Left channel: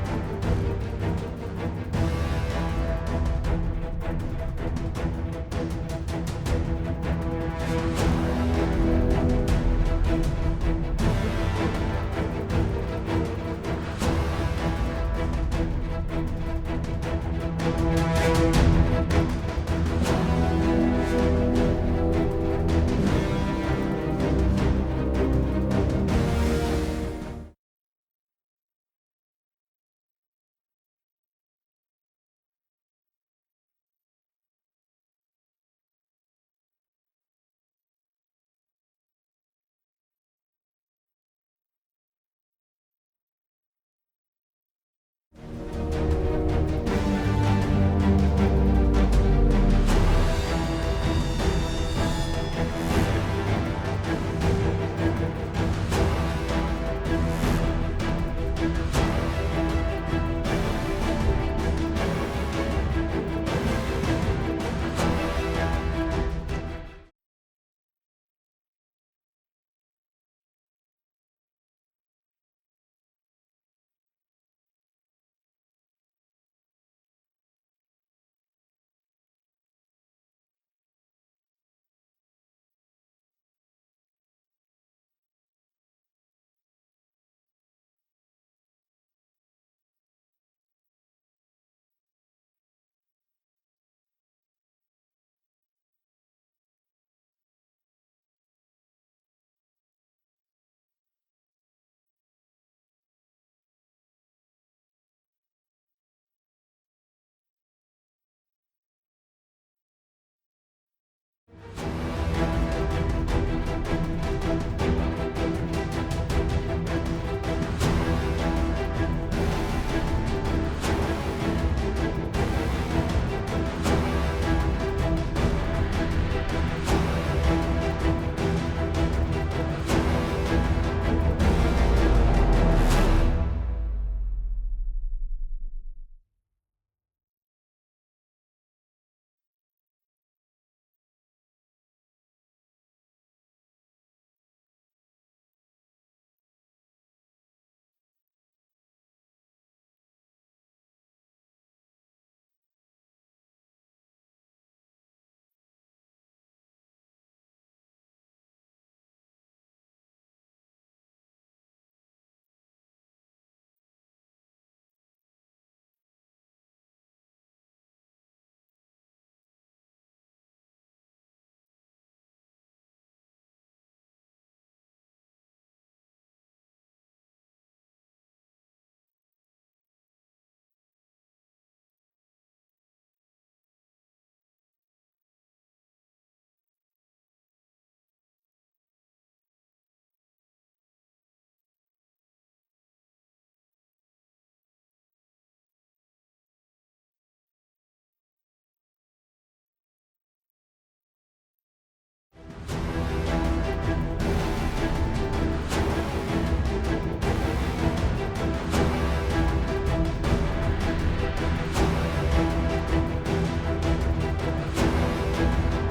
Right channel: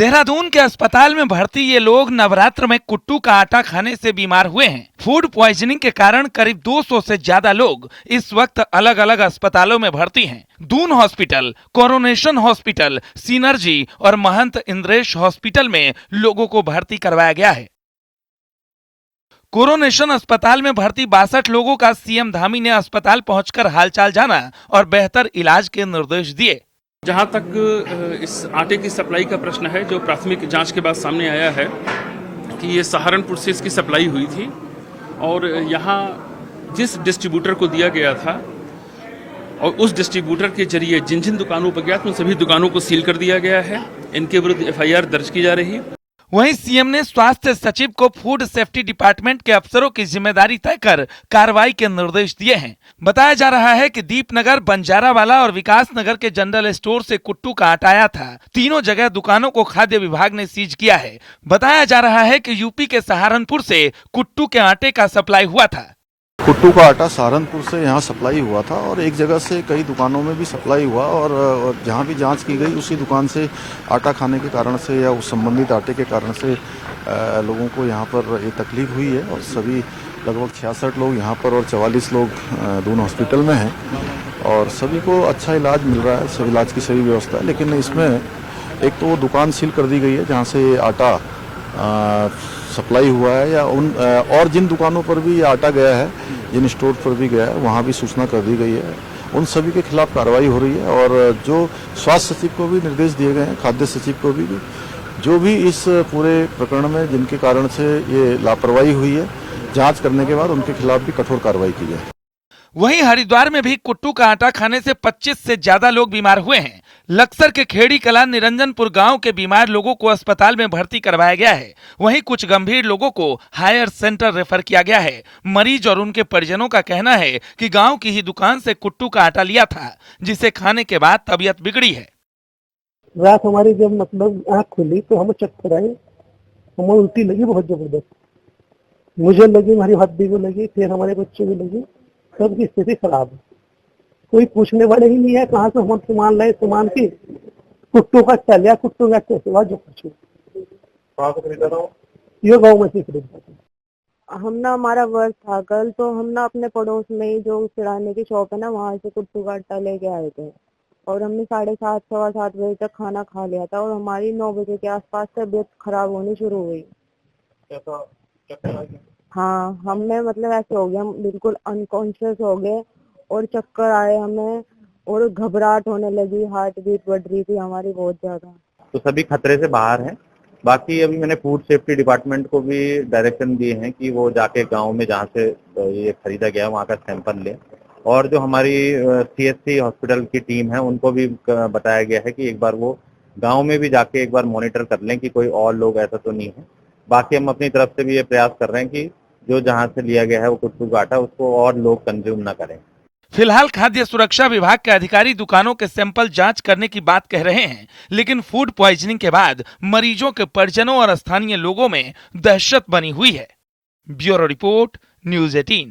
देहरादून के अस्पताल में भर्ती ये लोग नवरात्र में कुट्टू का आटा खाने से बीमार हुए हैं। फूड पॉइजनिंग के कारण करीब 200 से ज्यादा लोग इस वक्त अलग अलग अस्पतालों में भर्ती हैं। Doon hospital, coronation hospital, synergy और महंत इंद्रेश हॉस्पिटल में लोगों को भर्ती करवाया गया है। कोरोनेशन अस्पताल में भर्ती 62 लोगों का सीएम धामी ने अस्पताल पहुंचकर हालचाल जाना और बेहतर इलाज के निर्देश दिए। जहाँ तक इस आटे की सप्लाई का प्रश्न है, जो प्राथमिक जांच के बाद सामने आया है कि ये सहारनपुर से इसकी सप्लाई हुई थी और यहाँ जिस डिस्ट्रीब्यूटर को दिया गया था और उस डिस्ट्रीब्यूटर के जरिए जिन जिन दुकानों पर गया था उन सभी दुकानों को सील कर दिया गया है। इनके विरुद्ध एफआईआर दर्ज की जा रही है। वहीं सीएम ने स्वास्थ्य सचिव को फूड सेफ्टी डिपार्टमेंट के अफसरों की जिम्मेदारी तय कर कार्रवाई के निर्देश दिए हैं। बताया जा रहा है कि दीपनगर, बंजारावाला और विकास नगर के जनरल स्टोर से कुट्टू का आटा आया था। तीनों जगह दुकानों को खाद्य विभाग ने सीज किया है। बताया जा रहा है कि यूपी के सहारनपुर से कुट्टू के आटे का सप्लाई हुआ था। कुट्टू का आटा सहारनपुर से यहाँ सप्लाई हुआ था और एक जगह से कई दुकानों में भी सप्लाई हुआ और जहाँ भी जांच की गई उसी दुकान से आटा खाने के कारण से या उस संबंधित आटे के कारण से लोगों को यहाँ पर ये तकलीफ हुई है और सभी लगभग 66 लोग यहाँ पर और 44 लोग दून हॉस्पिटल में हैं और सभी को अच्छा इलाज मिल रहा है। सब इलाज की सही व्यवस्था है, लेकिन इसमें एक तो वो दुकान सील कर दी गई है जहाँ से आटा सप्लाई हुआ है या उन और जिन दुकानों पर भी ये आटा गया है, जिन स्टोर पर भी गया है, वहाँ भी सूचना कर दी गई है। उन सभी के खिलाफ कार्रवाई हो रही है और जो स्वास्थ्य सचिव को भी निर्देश दिए गए हैं, खाद्य सचिव को भी, जो भी इस पूरे प्रकरण में जिनके कारण से ये लापरवाही हुई है, जांच करने के बाद उनके खिलाफ भी कठोर कार्रवाई की जाए। वहीं हरिद्वार में भी कुट्टू का आटा खाने से 25 से ज्यादा लोग बीमार हुए हैं। लक्सर के खेड़ी कला निरंजनपुर गांव के बीमार लोगों को अस्पताल में भर्ती करवाया गया है। वहीं कुछ गंभीर लोगों को हायर सेंटर रेफर किया गया है। मरीज और उनके परिजनों का कहना है कि गांव की ही दुकान से कुट्टू का आटा लिया था, जिसे खाने के बाद तबीयत बिगड़ी है। रात हमारी जब मतलब आँख खुली तो हमें चक्कर आए, हमें उल्टी लगी बहुत जबरदस्त। मुझे लगी, हमारी हड्डी को लगी, फिर हमारे बच्चे को लगी। सबकी स्थिति खराब है। कोई पूछने वाले ही नहीं है कहाँ से हम सामान लाए, सामान की कुट्टू का चलिया, कुट्टू का कैसे हुआ, जो कुछ ये गाँव में से खरीदा। हम ना, हमारा वर्ष था कल, तो हम ना अपने पड़ोस में ही जो किराने की शॉप है ना, वहाँ से कुट्टू का आटा लेके आए थे और हमने 7:30 सवा 7 बजे तक खाना खा लिया था और हमारी 9 बजे के आसपास तबीयत खराब होनी शुरू हुई। हाँ, हमें मतलब ऐसे हो गया, हम बिल्कुल अनकॉन्शियस हो गए और चक्कर आए हमें और घबराहट होने लगी, हार्ट बीट बढ़ रही थी हमारी बहुत ज्यादा। तो सभी खतरे से बाहर हैं। बाकी अभी मैंने फूड सेफ्टी डिपार्टमेंट को भी डायरेक्शन दिए हैं कि वो जाके गांव में जहाँ से ये खरीदा गया वहाँ का सैंपल लें और जो हमारी सीएससी हॉस्पिटल की टीम है उनको भी बताया गया है कि एक बार वो गांव में भी जाके एक बार मॉनिटर कर लें कि कोई और लोग ऐसा तो नहीं है। बाकी हम अपनी तरफ से भी ये प्रयास कर रहे हैं कि जो जहाँ से लिया गया है वो कुट्टू का आटा उसको और लोग कंज्यूम न करें। फिलहाल खाद्य सुरक्षा विभाग के अधिकारी दुकानों के सैंपल जांच करने की बात कह रहे हैं, लेकिन फूड पॉइजनिंग के बाद मरीजों के परिजनों और स्थानीय लोगों में दहशत बनी हुई है। Bureau report, news 18।